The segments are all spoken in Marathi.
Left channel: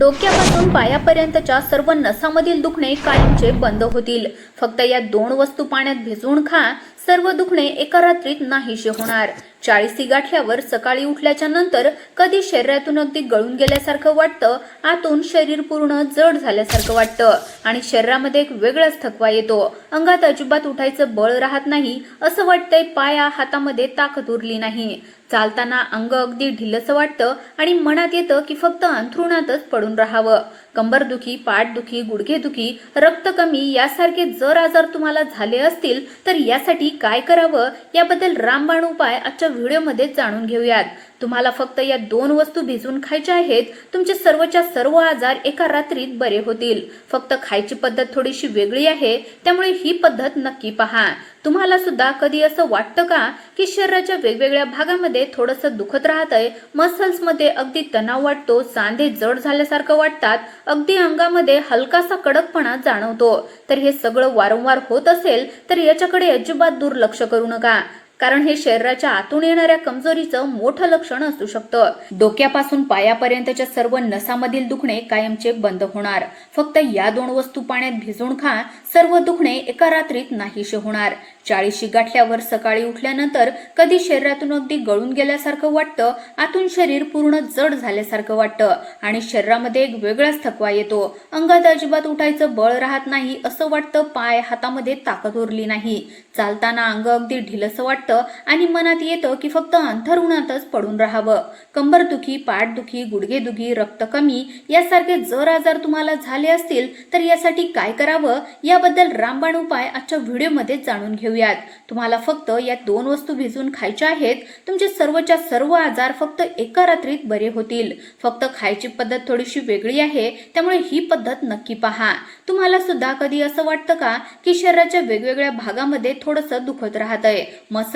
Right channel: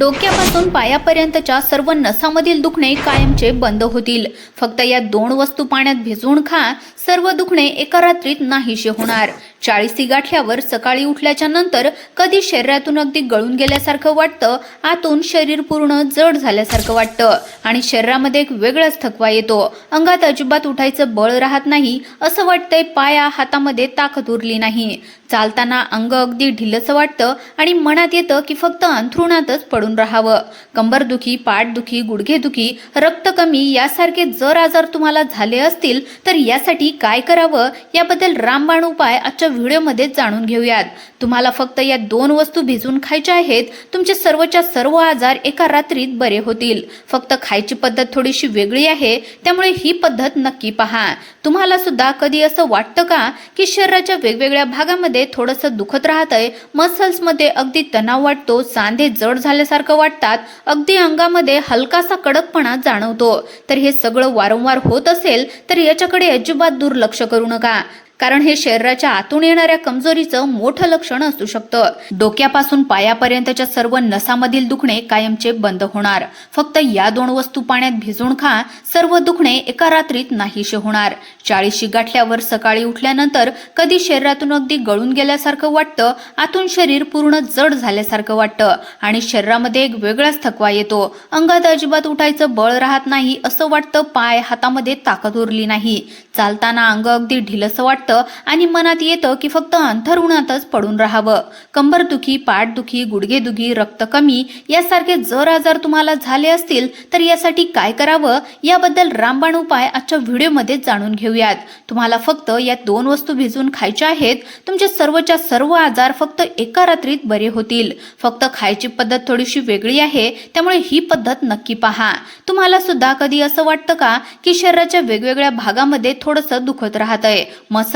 डोक्यापासून पायापर्यंतच्या सर्व नसामधील दुखणे कायमचे बंद होतील. फक्त या दोन वस्तू पाण्यात भिजवून खा. सर्व दुखणे एका रात्रीत नाहीसे होणार. चाळीसी गाठल्यावर सकाळी उठल्याच्या नंतर कधी शरीरातून अगदी गळून गेल्यासारखं वाटतं आतून शरीर पूर्ण जड झाल्यासारखं वाटतं आणि शरीरामध्ये एक वेगळाच थकवा येतो. अंगात अजिबात उठायचं बळ राहत नाही असं वाटतंय पाया हातामध्ये ताकद उरली नाही. चालताना अंग अगदी ढिलसं वाटतं आणि मनात येतं की फक्त अंथरुणातच पडून राहावं. कंबरदुखी पाठदुखी गुडघेदुखी रक्त कमी यासारखे जर आजार तुम्हाला झाले असतील तर यासाठी काय करावं? याबद्दल रामबाण उपाय आजच्या व्हिडिओमध्ये जाणून घेऊयात. तुम्हाला फक्त या दोन वस्तू भिजवून खायच्या आहेत तुमचे सर्वच्या सर्व आजार एका रात्रीत बरे होतील. फक्त खायची पद्धत थोडीशी वेगळी आहे त्यामुळे ही पद्धत नक्की पहा. तुम्हाला सुद्धा कधी असं वाटतं का की शरीराच्या वेगवेगळ्या भागामध्ये थोडंसं दुखत राहतंय? मसल्समध्ये अगदी तणाव वाटतो सांधे जड झाल्यासारखं वाटतात अगदी अंगामध्ये हलकासा कडकपणा जाणवतो. तर हे सगळं वारंवार होत असेल तर याच्याकडे अजिबात दुर्लक्ष करू नका. कारण हे शरीराच्या आतून येणाऱ्या कमजोरीचं मोठं लक्षण असू शकतं. डोक्यापासून पायापर्यंतच्या सर्व नसामधील दुखणे कायमचे बंद होणार. फक्त या दोन वस्तू पाण्यात भिजून खा सर्व दुखणे एका रात्रीत नाहीशे होणार. चाळीशी गाठल्यावर सकाळी उठल्यानंतर कधी शरीरातून अगदी गळून गेल्यासारखं वाटतं आतून शरीर पूर्ण जड झाल्यासारखं वाटतं आणि शरीरामध्ये एक वेगळाच थकवा येतो. अंगात अजिबात उठायचं बळ राहत नाही असं वाटतं पाय हातामध्ये ताकद उरली नाही. चालताना अंग अगदी ढिलसं वाटतं आणि मनात येतं की फक्त अंथरुणातच पडून राहावं. कंबरदुखी पाठदुखी गुडघेदुखी रक्त कमी यासारखे जर आजार तुम्हाला झाले असतील तर यासाठी काय करावं? याबद्दल रामबाण उपाय आजच्या व्हिडिओमध्ये जाणून घेऊयात. तुम्हाला फक्त या दोन वस्तू भिजवून खायच्या आहेत. तुमचे सर्वच्या सर्व आजार फक्त एका रात्रीत बरे होतील. फक्त खायची पद्धत थोडीशी वेगळी आहे त्यामुळे ही पद्धत नक्की पहा. तुम्हाला सुद्धा कधी असं वाटतं का? की शरीराच्या वेगवेगळ्या भागामध्ये थोडंसं दुखत राहतंय.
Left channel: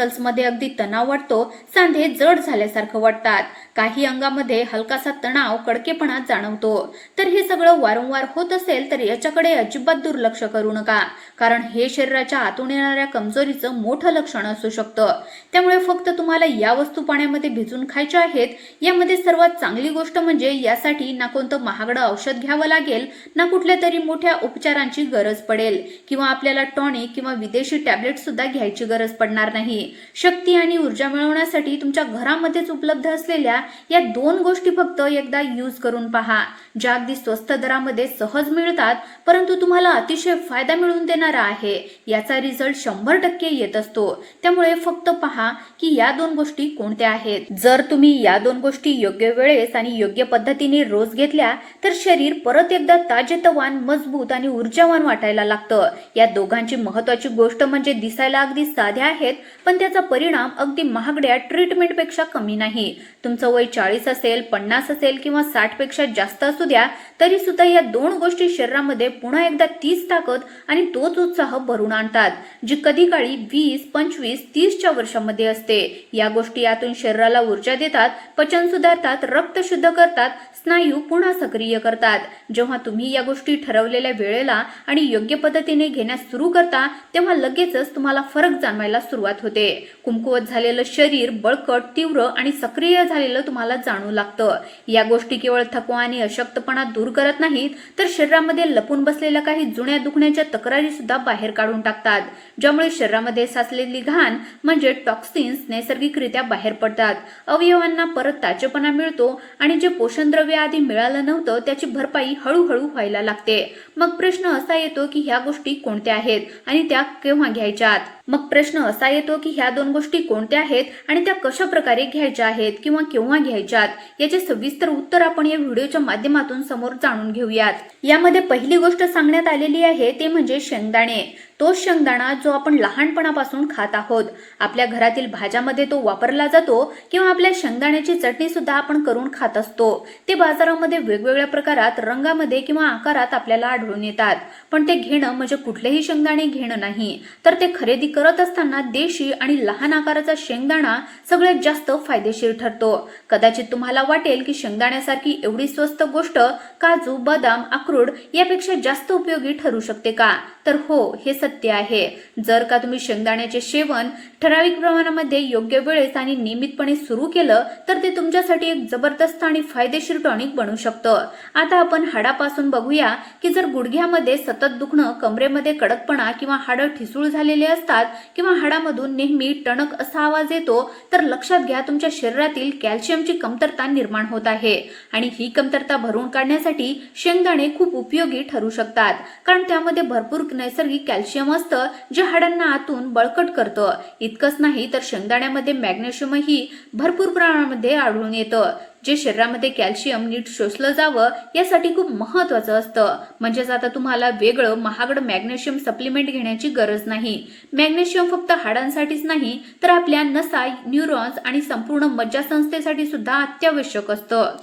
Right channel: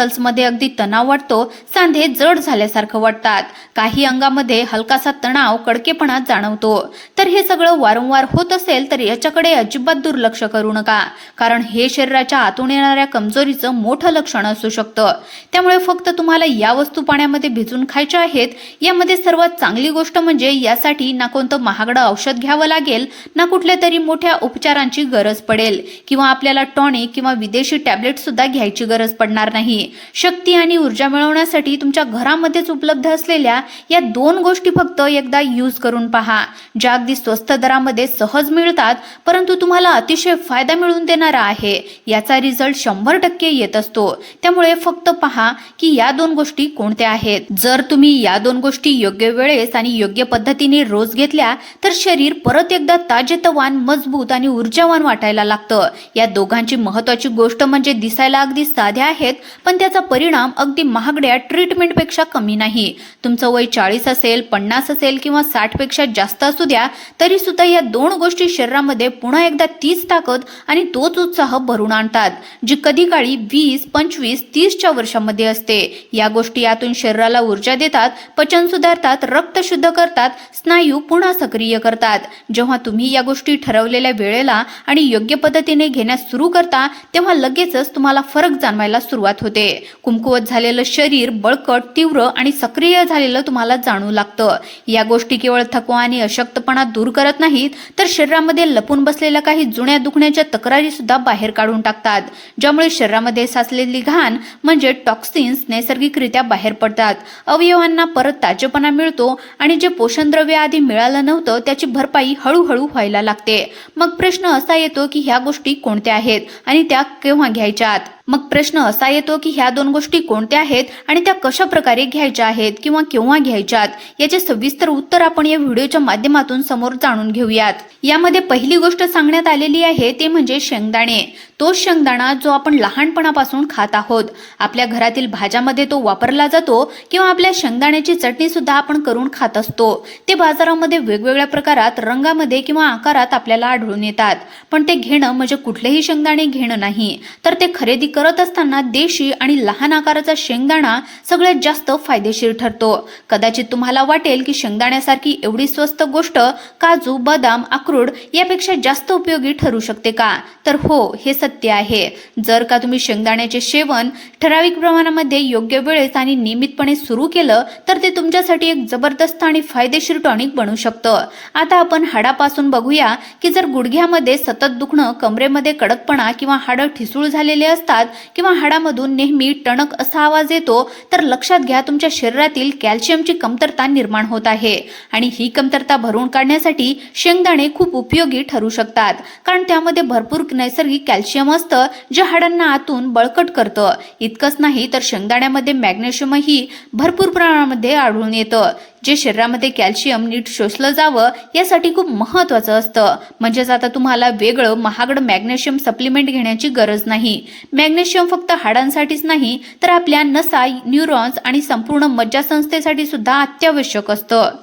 मसल्समध्ये अगदी तणाव वाटतो सांधे जड झाल्यासारखं वाटतात. काही अंगामध्ये हलकासा तणाव कडकेपणा जाणवतो. तर हे सगळं वारंवार होत असेल तर याच्याकडे अजिबात दुर्लक्ष करू नका. कारण हे शरीराच्या आतून येणाऱ्या कमजोरीचं मोठं लक्षण असू शकतं. त्यामुळे फक्त तुम्हाला या वस्तू पाण्यामध्ये भिजून खायच्या आहेत. यामध्ये सर्वात चांगली गोष्ट म्हणजे यासाठी ना कोणतं महागडं औषध घ्यावं लागेल ना कुठल्या तरी मोठ्या उपचारांची गरज पडेल. किंवा आपल्याला टॉनिक किंवा विदेशी टॅबलेट सुद्धा घ्यायची गरज पडणार नाही. शक्ती आणि ऊर्जा मिळवण्यासाठी तुमच्या घरामध्येच उपलब्ध असलेल्या या दोन गोष्टी फक्त एकदा यूज करून पहा. ज्या अगदी स्वस्त दरामध्ये सहज मिळतात परंतु तुम्हाला अतिशय फायदा मिळवून देणारा आहे. याचा रिझल्ट शंभर टक्के येत असतो. त्यामुळे फक्त पहा की या दोन गोष्टी कोणत्या आहेत. जर तुम्ही या दोन गोष्टी योग्य वेळेस आणि योग्य पद्धतीने रोज घेतल्या तर शरीर परत एकदा ताजेतवान मजबूत आणि ऊर्जावान वाटायला लागतं. या दोघांची महत्वाची गोष्ट म्हणजे दिसायला अगदी साध्या आहेत पण त्याचा परिणाम अगदी महागड्या ट्रीटमेंटपेक्षा कमी नाही. तुमचं वय चाळीस असेल पन्नास असेल किंवा साठपेक्षा जास्त असू द्या तरी सुद्धा या दोन गोष्टी शरीरामध्ये पुन्हा एकदा तीच ताकद आणि तोच उत्साह भरून आणतात जी कधी काळी वीस पंचवीस तीसच्या वर्षामध्ये असते. या गोष्टी यातून शरीराला ऊर्जा देतात पचन सुधारतात रक्त शुद्ध करतात स्नायू पुन्हा सक्रिय करतात. जेव्हा तुम्ही या गोष्टी ठरवलेल्या वेळेला आणि योग्य पद्धतीने घेण्यास सुरू करता तेव्हा लगेचच तुम्हाला फरक जाणवायला सुरुवात होते. कुमकुवत झालेलं शरीर बळकट तीव्र आणि सक्रिय झालेलं तुम्हाला जाणू लागतं. या गोष्टी केवळ थकवा आणि अशक्तपणा दूर करत नाहीत तर शरीरामध्ये लपून बसलेल्या काही जुन्या दुखण्याच्या तक्रारी सुद्धा बाहेर काढून टाकतात ज्यामुळे शरीरामध्ये साचलेली घाण म्हणजे टॉक्सिन्स नैसर्गिकरित्या बाहेर पडतात. अवयवांना परत ताजेपणा मिळतो आणि जे पोषणद्रव्य आधी मिळालं नव्हतं त्याची भरपाई हळूहळू व्हायला लागते. मग प्रश्न असा येतो की ह्या गोष्टी कोणत्या आहेत आणि त्या केव्हा घ्यायच्यात? मग प्रश्न असा येतो की ह्या दोन गोष्टी कोणत्या आहेत आणि त्या कशा प्रकारे घ्यायच्या आहेत किंवा केव्हा घ्यायच्यात याचे सविस्तर उत्तर आपण या व्हिडिओच्या माध्यमातून समोर जाणून घेऊयात. यामध्ये पहिली गोष्ट सांगण्यात आलेली आहे ती म्हणजे शेंगदाणे. तो शेंगदाणा जो आपण लहानपणापासून खात आहोत आपल्या घरातील भाज्यामध्ये तो वापरला जातो किंवा आपल्या शेंगदाण्याची चटणी सुद्धा आपण करून खात असतो. ते बाजारामध्ये वेगवेगळ्या प्रकारात रंगामध्ये किंवा आकारात आपल्याला आढळून येतात. पण ते घेणं म्हणजे कुठलेही शेंगदाणे घेणं नाही. तर ते खरेदी करत असताना देशी आणि लहान आकाराचा शेंगदाणा सगळ्यात जास्त फायदेशीर ठरतो. कदाचित तुम्हाला वाटेल की शेंगदाण्यासारखी एवढी स्वस्त गोष्ट काजू बदाम अक्रोड यापेक्षा जास्त उपयोगी ठरू शकते का? तर हो हे सत्य आहे. जर का तुम्ही शेंगदाण्याचे सेवन ठराविक प्रमाणामध्ये योग्य वेळेस आणि नियमितपणे सुरू केलं तर ते तुमच्यासाठी एक जबरदस्त आणि फायदेशीर टॉनिक बनू शकतं. आता आपण हाडापासून बघूया की जर गुडघ्यामध्ये सतत दुखणं कमरेमध्ये कडकपणा किंवा हाडं ठिसूळ झालेले असतात किंवा हाडामधून नेहमी टणक असा आवाज येतो तर लक्षात घ्या तुमच्या शरीरातील कॅल्शियमची कमतरता निर्माण होत आहे. आणि ही कमतरता भरून काढण्यासाठी शेंगदाणे खूप उपयोगी ठरू शकतात कारण त्यामध्ये भरपूर नैसर्गिक कॅल्शियम असतं जे हाडांना आतून बळकट करतं. इतकंच नाही तर शेंगदाण्यामध्ये मॅग्नेशियमही भरपूर प्रमाणामध्ये आढळून येतं. जे शरीरामध्ये कॅल्शियम नीट शोषलं जावं यासाठी खूप महत्वाचं असतं. म्हणजेच आता तुम्हाला वेगळं महागड मॅग्नेशियम सप्लिमेंट घेण्याची गरज नाही. मॅग्नेशियम फक्त हाडांसाठीच नाही तर आपल्या नसा न्यूरॉन्स आणि संपूर्ण मज्जासंस्थेसाठी सुद्धा अत्यावश्यक असतं.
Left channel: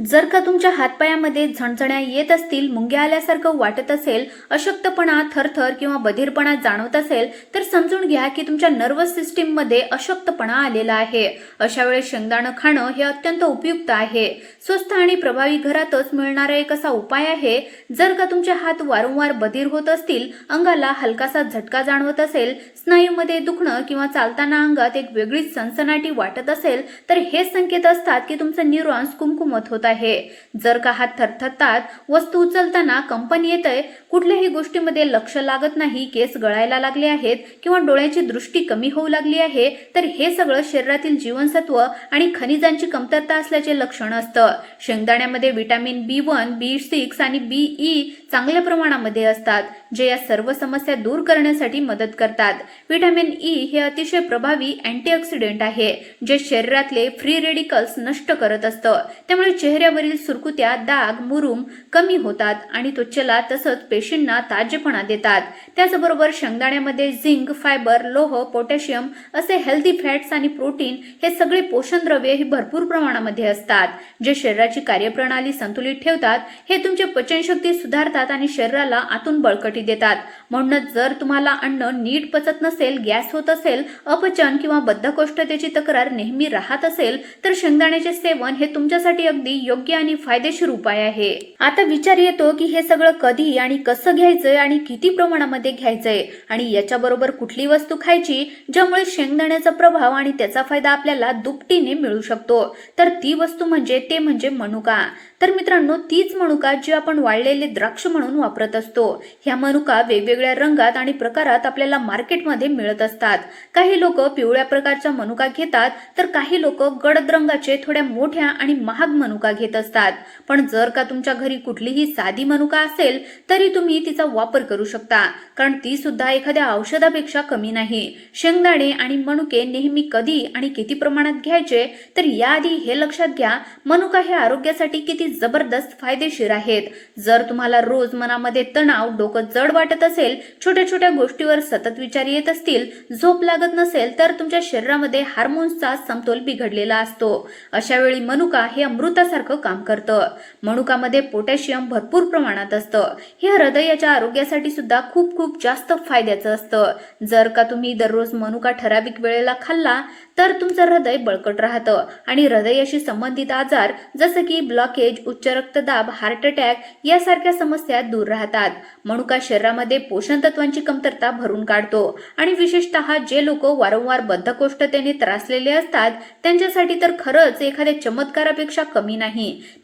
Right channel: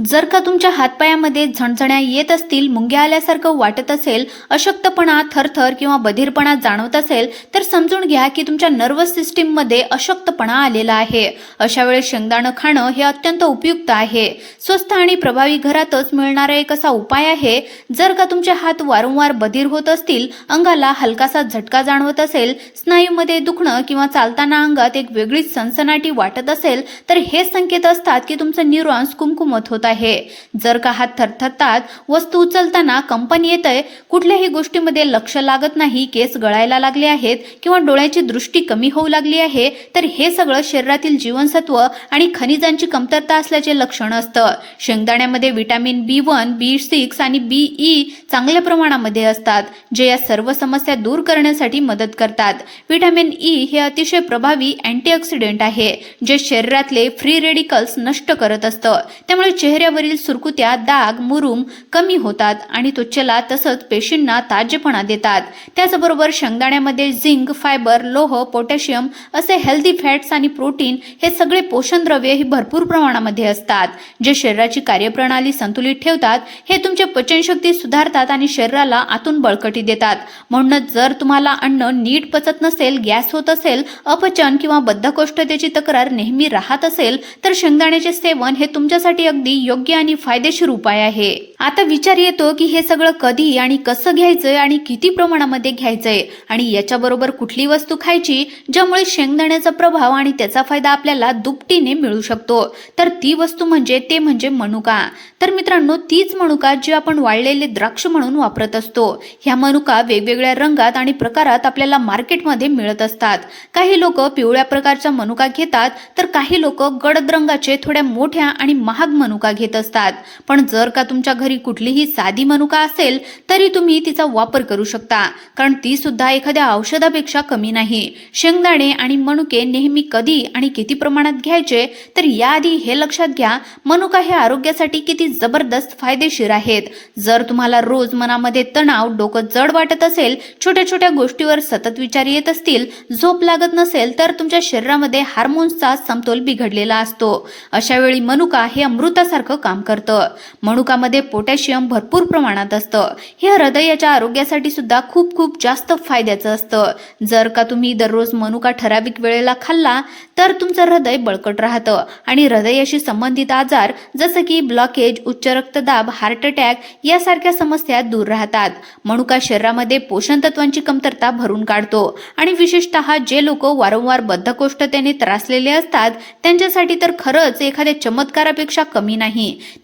जर का तुमच्या हातपायामध्ये झणझण्या येत असतील मुंग्या आल्यासारखं वाटत असेल अशक्तपणा थरथर किंवा बधीरपणा जाणवत असेल तर समजून घ्या की तुमच्या नर्वस सिस्टीममध्ये अशक्तपणा आलेला आहे. अशा वेळेस शेंगदाणं खाणं हे अत्यंत उपयुक्त आहे. स्वस्त आणि प्रभावी घरातच मिळणारा एक असा उपाय आहे जर का तुमचे हात वारंवार बधीर होत असतील अंगाला हलकासा झटका जाणवत असेल स्नायूमध्ये दुखणं किंवा चालताना अंगात एक वेगळीच सनसनाटी वाटत असेल तर हे संकेत असतात की तुमचं न्यूरॉन्स कुमकुमत होत आहे. जर का हात थरथरतात वस्तू उचलताना कंपनी येत आहे कुठल्याही गोष्टीमध्ये लक्ष लागत नाही केस गळायला लागले आहेत किंवा डोळ्याची दृष्टी कमी होऊ लागली आहे तर हे सगळं शरीरातील जीवनसत्व आणि खनिजांची कमतरता असल्याचे लक्षण असतं. शेंगदाण्यामध्ये vitamin B one B six आणि बी ई चांगल्या प्रमाणामध्ये असतात जे या सर्व समस्या दूर करण्यासाठी मदत करतात. विटॅमिन ई हे अतिशय प्रभावी अँटीऑक्सिडेंट आहे जे शरीरातले फ्री रेडिकल्स नष्ट करत असतं. त्यामुळे चेहरे चेहऱ्यावरील सुरकुत्या दाग मुरुम कमी होतात आणि त्वचेला तसंच पेशींना ताजेपणा देतात. त्याचबरोबर शेंगदाण्यामध्ये झिंक फायबर लोह पोटॅशियम असे हेल्दी फॅट्स आणि प्रोटीन हे सगळे पोषण द्रव्य हे भरपूर प्रमाणामध्ये असतात. जे शरीराची कार्यप्रणाली संतुलित ठेवतात हे तुमच्या पचनशक्ती सुधारतात आणि शरीराला आतून बळकटी देतात. म्हणूनच जर तुम्हाला अन्न नीट पचत नसेल गॅस होत असेल अपचन किंवा बद्धकोष्ठतेची तक्रार नेहमी राहत असेल तर शेंगदाण्याचे सेवन हे तुमच्यासाठी अगदी योग्य आणि फायदेशीर उपाय आहे. आता विचार येतो की हे सगळं कधी आणि कसं घ्यायचंय आणि किती प्रमाणामध्ये घ्यायचंय आणि याच्याबरोबर कुठली वस्तू खायची ज्यामुळे शेंगदाण्याचा प्रभाव आणि त्याचा फायदा आपल्याला दुपटीने मिळू शकतो. तर ती वस्तू म्हणजे ते म्हणजे मनुका. तर मित्रांनो तीच मनुका जी आपण वाळलेले द्राक्ष म्हणून वापरत असतो. ह्या मनुका वेगवेगळ्या रंगात आणि प्रकारात आपल्याला मार्केटमध्ये मिळत असतात. काही लोक पिवळ्या प्रकारच्या मनुका घेतात तर काही लोक गडद रंगाचे थोड्या मोठ्या आणि महाग मनुका घेत असतात. पण जर का तुमच्या घरी कुठलीही साधी मनुका असेल तरी तुम्ही तिचा वापर करू शकता. कारण ती सुद्धा एखाद्या औषधापेक्षा कमी नाही. शेंगदाणे आणि मनुके नेहमी कधी आणि किती प्रमाणात घ्यायचे तर याआधी हे लक्षात घ्या मनुका हे आरोग्यासाठी किती जबरदस्त फायदेशीर आहेत. जर तुम्हाला रोज मनामध्ये तणाव डोकं जड वाटत असेल छोट्या छोट्या गोष्टीवर सतत विचार येत असतील झोप लागत नसेल तर तुमच्या शरीरामध्ये हार्मोन्सचा समतोल बिघडलेला असतो. अशा वेळी मनुका हे अमृतासारखं काम करतं. मनुकामध्ये पोटॅशियम भरपूर प्रमाणात असतं. हे हृदयाच्या आरोग्यासाठी सुद्धा खूप खूप जास्त फायद्याचं असतं. जर का तुम्ही दररोज मनुका ठराविक वेळेला खाल्ला तर तुमचं हृदय बळकट राहतं. आणि हृदयाशी संबंधित आजार जसं की ब्लॉकेज उच्च रक्तदाब हार्ट अटॅक यासारख्या समस्या दूर राहतात. मनुका शरीरामध्ये पोषण तत्वांची कमतरता भरून काढतो. आणि विशेषतः जे लोक वारंवार बद्धकोष्ठतेने त्रासलेले असतात त्यांच्यासाठी तर खरंच एखाद्या चमत्कारापेक्षा कमी नाही.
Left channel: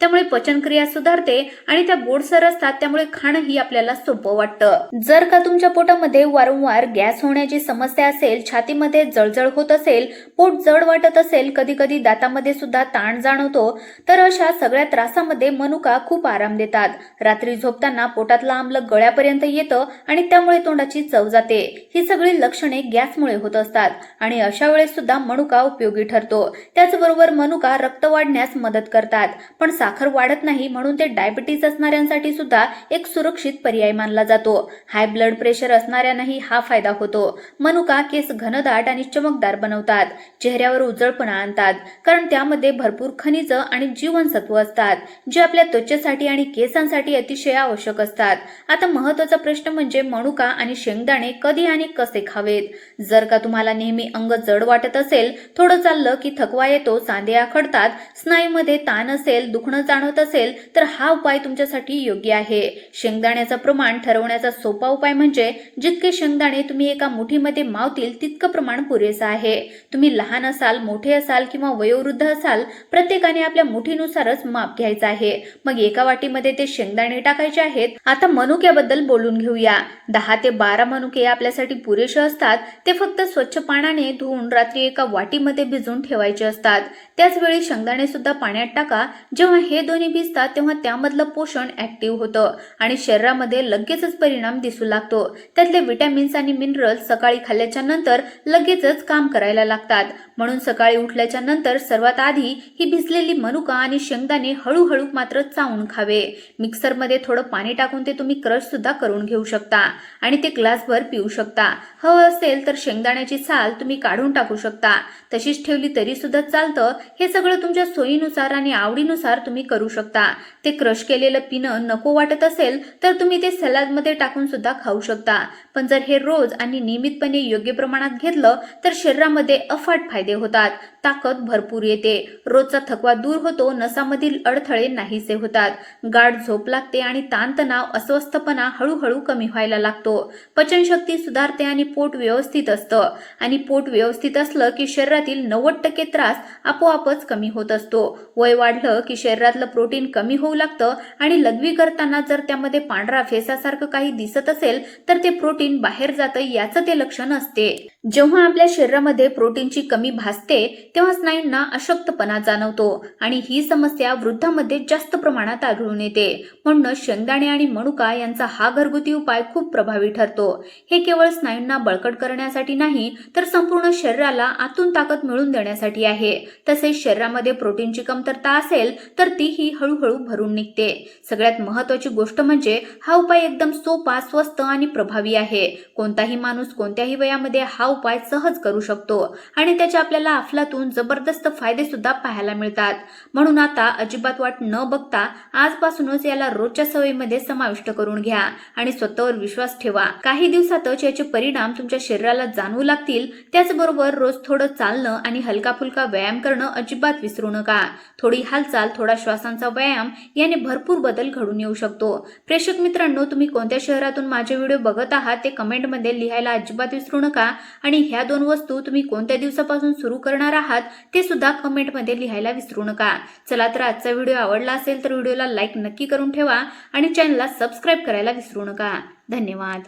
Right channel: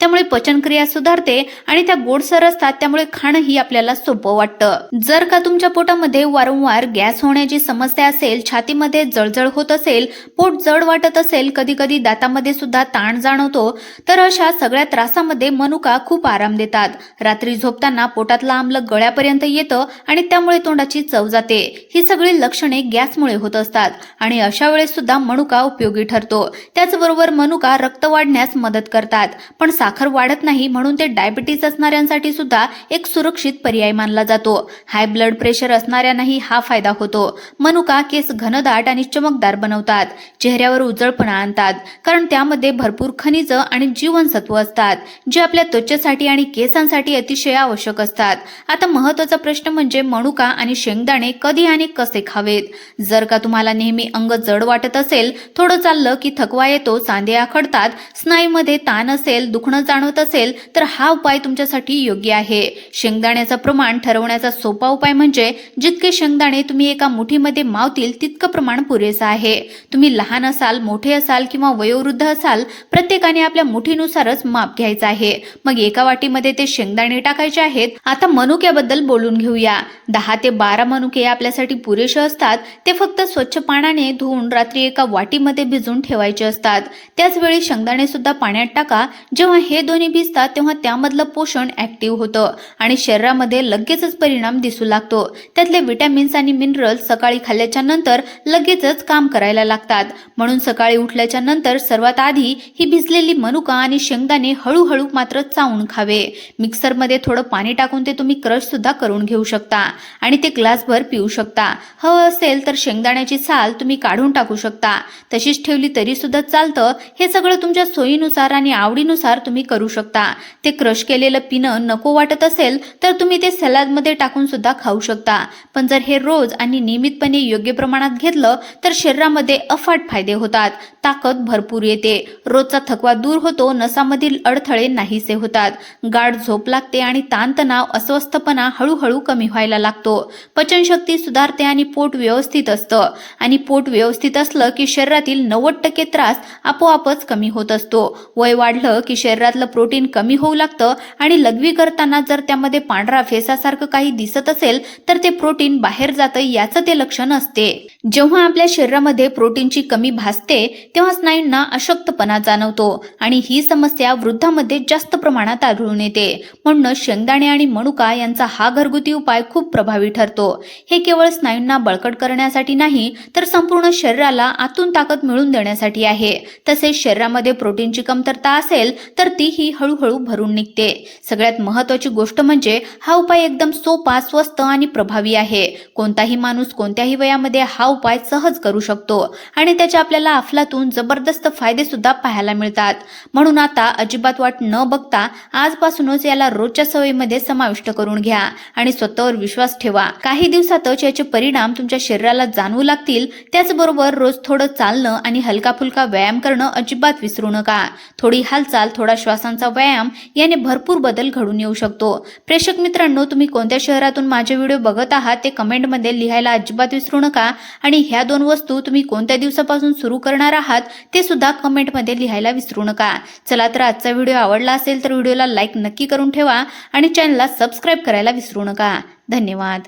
त्यामुळे पचनक्रिया सुधारते आणि त्या गोडसर असतात त्यामुळे खाणंही आपल्याला सोपं वाटतं. जर का तुमच्या पोटामध्ये वारंवार गॅस होण्याची समस्या असेल छातीमध्ये जळजळ होत असेल पोट जड वाटत असेल कधी कधी दातामध्ये सुद्धा ताण जाणवतो तर अशा सगळ्या त्रासामध्ये मनुका खूप आराम देतात. रात्री झोपताना पोटातलं आम्ल गळ्यापर्यंत येतं आणि त्यामुळे तोंडाची चव जाते. ही सगळी लक्षणे गॅसमुळे होत असतात आणि अशा वेळेस सुद्धा मनुका उपयोगी ठरतो. त्याचबरोबर मनुका रक्त वाढण्यास मदत करतात. पण साखर वाढत नाही म्हणून ते डायबिटीज असणाऱ्यांसाठी सुद्धा एक सुरक्षित पर्याय मानला जातो. हाय ब्लड प्रेशर असणाऱ्यांनाही हा फायदा होतो. मनुका केस घनदाट आणि चमकदार बनवतात. चेहऱ्यावर उजळपणा आणतात. कारण त्यामध्ये भरपूर खनिज आणि जीवनसत्व असतात जे आपल्या त्वचेसाठी आणि केसांसाठी अतिशय आवश्यक असतात. आता महत्त्वाचा प्रश्न म्हणजे मनुका आणि शेंगदाणे कधी आणि कसे खावेत? जर का तुम्हाला नेहमी अंग जड वाटत असेल थोडं चाललं की थकवा येतो सांधे आखडतात स्नायूमध्ये ताण असेल दुखणं जाणवत असेल तर हा उपाय तुमच्यासाठी योग्य आहे. शेंगदाण्याचं प्रमाण ठरवण्याचा सोपा उपाय म्हणजे जितके शेंगदाणे तुम्ही एका मुठीमध्ये मावतील तितकं प्रमाण पुरेसं आहे. तुम्ही लहान असाल मोठे असाल किंवा वयोवृद्ध असाल प्रत्येकाने आपल्या मुठीनुसारच माप घ्यायचं आहे. मग एका वाटीमध्ये ते शेंगदाणे टाकायचे आहेत. आता मनुक्याबद्दल बोलून घेऊया. दहा ते बारा मनुके आपल्यासाठी पुरेसे असतात. ते फक्त स्वच्छ पाण्याने धुवून रात्री एका वाटीमध्ये भिजवून ठेवायचे असतात. त्याच वेळी शेंगदाणे सुद्धा पाण्यात टाका. जेव्हा हे दोन्ही भिजतात तेव्हा त्यामधलं पोषण ऍक्टिव्ह होतं आणि शरीरामध्ये लगेचच परिणाम दिसू लागतो. त्यातले विटॅमिन्स आणि मिनरल्स सकाळी खाल्ल्याच्या नंतर लगेचच काम करायला लागतात. म्हणून सकाळी उठल्याच्या नंतर सर्वात आधी ही भिजलेली मनुका आणि शेंगदाणे हळूहळू मात्र चावून खावे. मिक्सरमध्ये थोडं पाणी टाकून ते तुम्ही क्रश सुद्धा करून घेऊ शकता आणि ते ग्लासभर पिऊ शकता. हवं असेल तर शेंगदाण्याची साल तुम्ही काढून टाकू शकता. तशीच ठेवली तरी सुद्धा चालतं. हे सगळं तुमच्या सोयीनुसार आणि आवडी आवडीनुसार तुम्ही करू शकता. ते क्रश केलेलं पिणं नको वाटत असेल तर तुम्ही ते सलादमध्ये टाकून सुद्धा खाऊ शकता. पण जर हे रोज आणि नियमितपणे योग्य प्रमाणात घेतलं तर शरीरामध्ये अफाट फायदे होतात. ताकद भरपूर येते. रोजचा थकवा दूर होतो नसामधील अडथळे नाहीसे होतात. गाढ झोप लागते आणि ताणतणाव अस्वस्थपणा हळूहळू कमी व्हायला लागतो. पचनशक्ती सुधारते आणि पोट व्यवस्थित असतं. आणि पोट व्यवस्थित असलं की शरीरातील नव्वद टक्के त्रास आपोआपच कमी होत असतो. वय वाढलं की शरीरातलं प्रोटीन कमी होऊ लागतं आणि लघवी करताना जर त्यामध्ये पांढरा फेसासारखं काही दिसत असेल तर ते प्रोटीन बाहेर जातं याचं ते लक्षण असते. जेव्हा आपल्या शरीरामध्ये प्रोटीनची कमी भासते तेव्हा स्नायूंना अशक्तपणा जाणवतो आणि ही समस्या वृद्धामध्ये जास्त प्रमाणात आढळून येते. म्हणून शेंगदाणे आणि मनुका यांचा हा घरगुती उपाय खूप प्रभावी ठरतो. हे केवळ स्नायूंना बळकट करण्यासाठी नाही तर संपूर्ण शरीराला आतून ताकद मिळवून देण्यासाठी आहे. तसेच शरीरामध्ये प्रोटीनची कमतरता असेल तर तीही हळूहळू भरून निघते. सगळ्यात महत्वाची गोष्ट म्हणजे हा उपाय एकदम सोपा स्वस्त आणि प्रभावी आहे. कोणताही माणूस कोणत्याही वयामध्ये हा उपाय सहज करू शकतो आणि त्याच्या आपल्याला अफलातून जबरदस्त फायदे सुद्धा पाहायला मिळतात. म्हणून आता अजिबात वाट न बघता आजपासूनच याला रोजच्या सवयीमध्ये समाविष्ट करून घ्या आणि स्वतःवर विश्वास ठेवा. काही दिवसातच याचे परिणाम तुमच्या शरीराला जाणवू लागतील. त्याचबरोबर रोज थोडं चालणं आणि हलका फुलका व्यायाम करणं अजिबात विसरू नका. थोडी हाल हालचाल थोडा श्वासांचा व्यायाम याने भरपूर बदल घडून येऊ शकतो. प्रेक्षक मित्रांनो तुम्ही कोणत्या शहरातून माझे व्हिडिओ बघत आहात ते कमेंटमध्ये लिहायला अजिबात विसरू नका. आणि ह्या दोन वस्तू तुम्ही कोणत्या दिवसापासून सुरू करणार आहात ते सुद्धा कमेंटमध्ये लिहायला विसरू नका. चला तर आजचा व्हिडिओ आवडला असेल तर व्हिडिओला लाईक नक्की करून ठेवा आणि चॅनलला सबस्क्राईब करायला विसरू नका. धन्यवाद.